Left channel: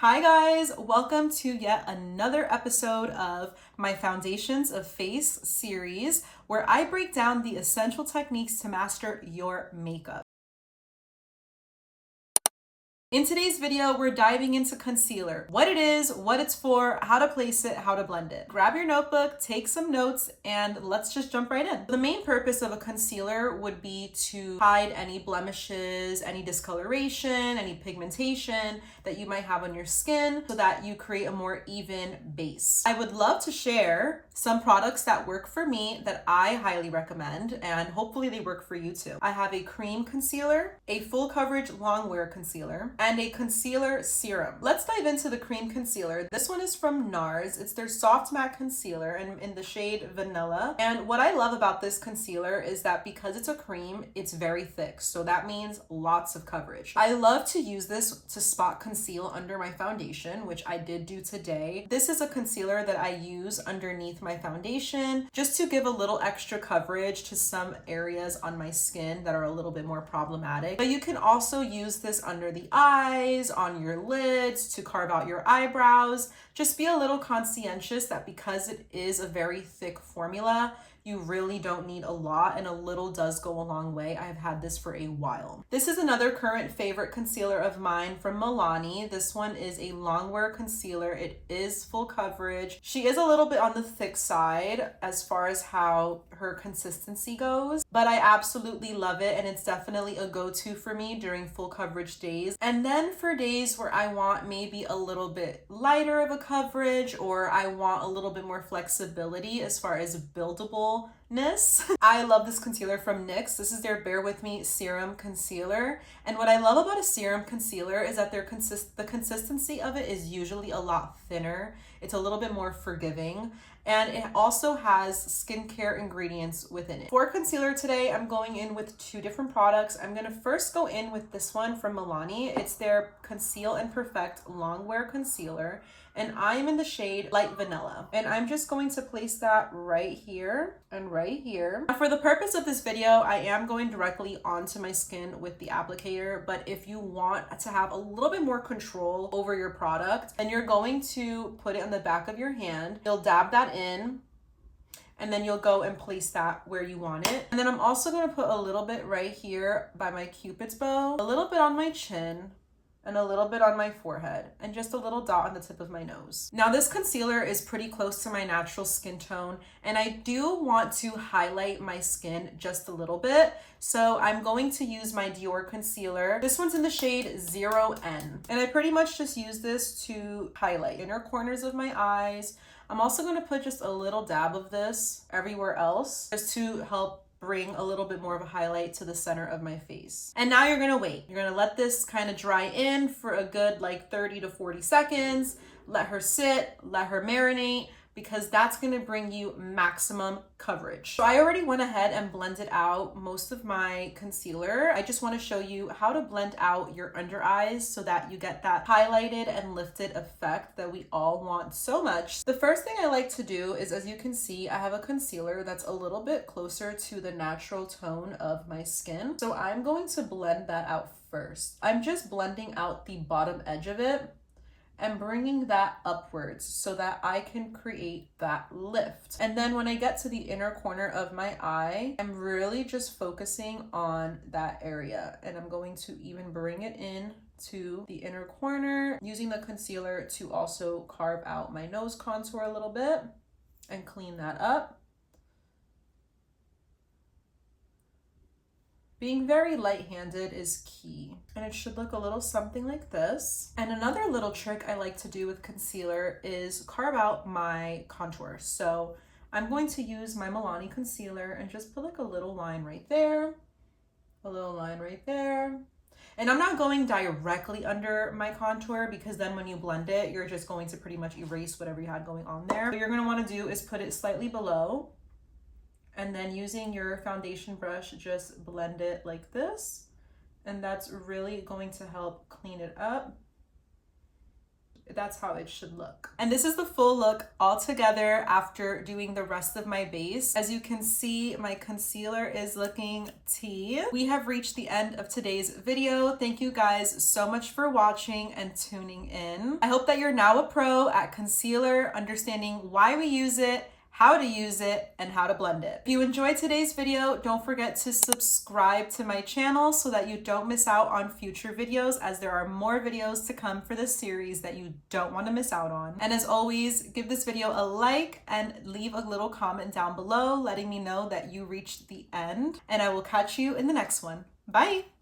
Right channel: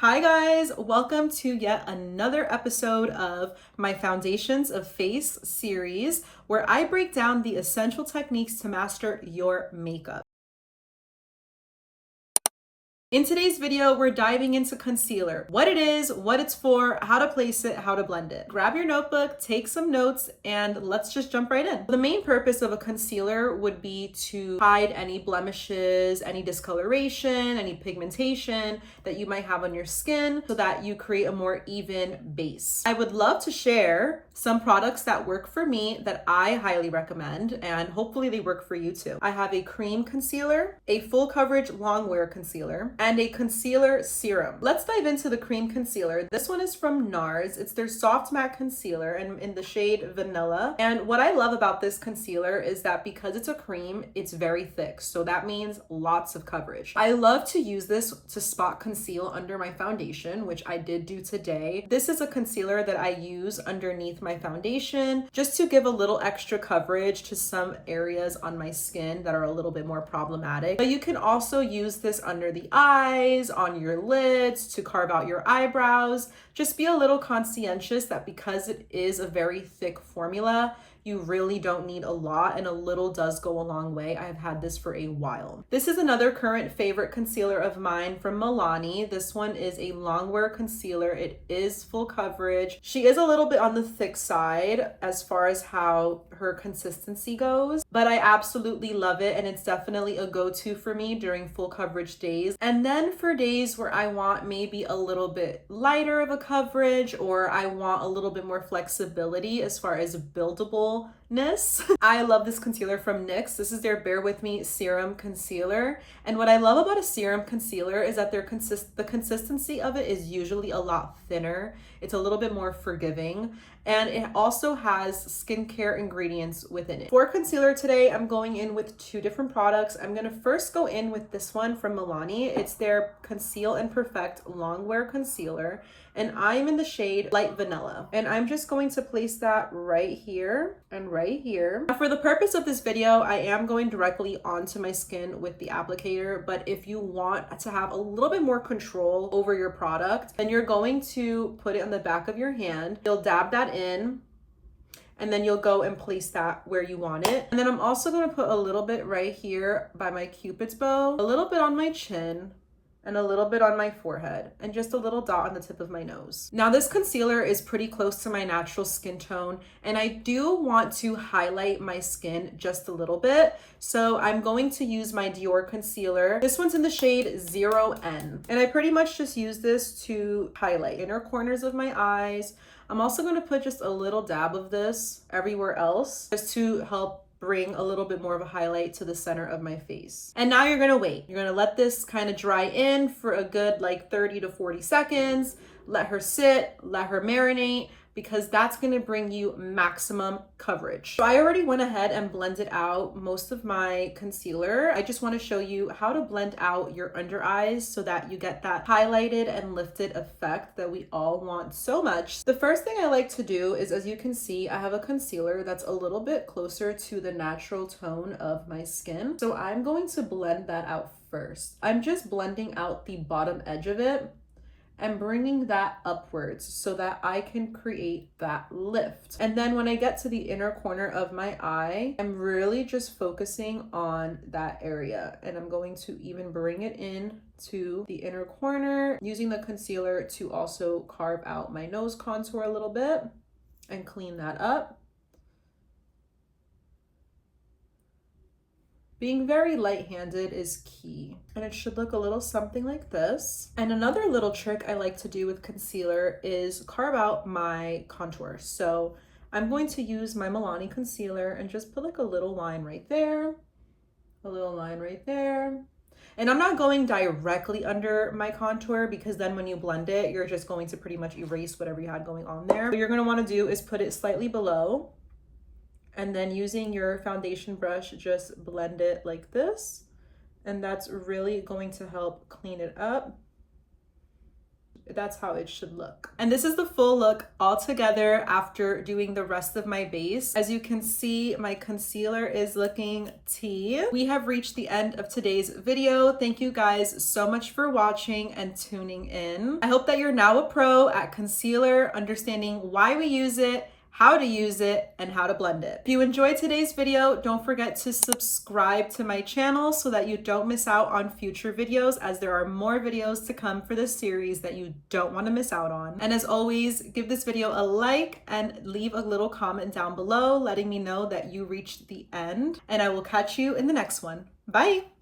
Hi guys, welcome to yet another episode of my Foundations of Face series where I break down the essential techniques to master your makeup. In today's video, we're diving into concealer, what it is, what it's for, how to place it, how to blend it. Grab your notebook, take some notes, and let's just jump right in. The main purpose of a concealer would be to hide any blemishes, any discoloration, any pigmentation that you might have on your skin so that you create a more even base. I would love to share some products that work for me that I highly recommend, and hopefully they work for you too. I have a cream concealer, a full coverage long wear concealer, and a concealer serum. Let's dive into the cream concealer. This one is from NARS. It's their soft matte concealer and in the shade Vanilla. And what I love about this concealer is that because it's a cream, it's very thick. So that means lots of coverage. I love to use this to spot conceal under my foundation, which I did do today. This is a concealer that I use underneath my foundation just to give a little extra coverage to some areas on my skin that are a little bit more problematic. But you can also use this under the eyes, on your lids, to carve out your eyebrows. Just be a little conscientious that because it is a very thick formula, you really don't need a lot, and a little does go a long way. I've had this for a while. This is another current favorite concealer of mine from Milani. This one is a longwear concealer. It is full coverage. She is a little bit on the thick side as far as how her consistency goes, but I absolutely love it, and it's definitely a go-to for me during full coverage days. And then for days where I want maybe a little bit lighter of a coverage, or I want a little bit more flexibility as far as buildable I love this concealer from NYX. This is their Bear With Me Serum Concealer. And what I love about a serum concealer is that the consistency of it is usually a lot thinner. It's a little bit more forgiving. And it also has skincare ingredients within it. For concealer today, I'm going in with two different products. I'm gonna first go in with this one from Milani. It's their Conceal and Perfect Longwear Concealer. And I'm in the shade Light Vanilla. And I'm just going to place that right here and right here. Now, for the purpose of this video, I am going directly onto my skin with the applicator, but if you want to have a little bit more control over your product, then you're going to put it on the back of your hand. You'll dab that in, and then you'll go and place that where you want it. And then I'm also going to put a little bit right here by my Cupid's bow, a little bit on my chin, and a little bit on my forehead, and just a little dot on the tip of my nose. Now, this concealer is pretty close to my natural skin tone, and I do want to highlight my skin just a little bit. So I'm going to use my Dior concealer. This one's in the shade 0N, and I pretty much just use this to highlight inner corners of my eyes. I'm also going to put just a little dab of this everywhere else just to help bring a little bit more of a highlight to the center of my face. And now you're gonna wait. You're gonna let this kind of dry in for a good like 30 to 40 seconds. Let her sit, let her marinate, because that's gonna bring you maximum coverage. So I already went ahead and blended out most of my concealer. I just wanna show you how to blend out your under eyes so that you get that highlighted and lifted effect that we all want so much. The first thing I like to do is, as you can see, I have a concealer that's a little bit closer to the natural tone of my skin. So I'm going to blend that out first. I'm just blending out the bottom edge of it and bringing that upwards so that I can create that lift. And then when I get to the inner corner of my eye, I'm really just focusing on that area. And I'm going to even bring it in to the inner corner, using the concealer to also carve out my nose contour a little bit and clean that up. Being very light-handed is key, and it should look a little something like this. And another little trick I like to do with concealer is carve out my contour. So I'm going to use my Milani concealer and just put like a little line right there, a little line right there. And I'm not going directly under my contour, because then when you blend it, you're just going to pretty much erase whatever you had going on there. What you're gonna wanna do is put it slightly below, and then using your foundation brush, just blend it like this. And that's really going to help clean it up. that's how it should look. And this is the full look all together after doing the rest of my base. As you can see, my concealer is looking tea. We have reached the end of today's video. Thank you guys so much for watching and tuning in. I hope that you're now a pro at concealer, understanding why we use it, how to use it, and how to blend it. If you enjoyed today's video, don't forget to subscribe to my channel so that you don't miss out on future videos, as there are more videos to come for this series that you don't want to miss out on. And as always, give this video a like and leave a little comment down below letting me know that you reached the end, and I will catch you in the next one. Bye!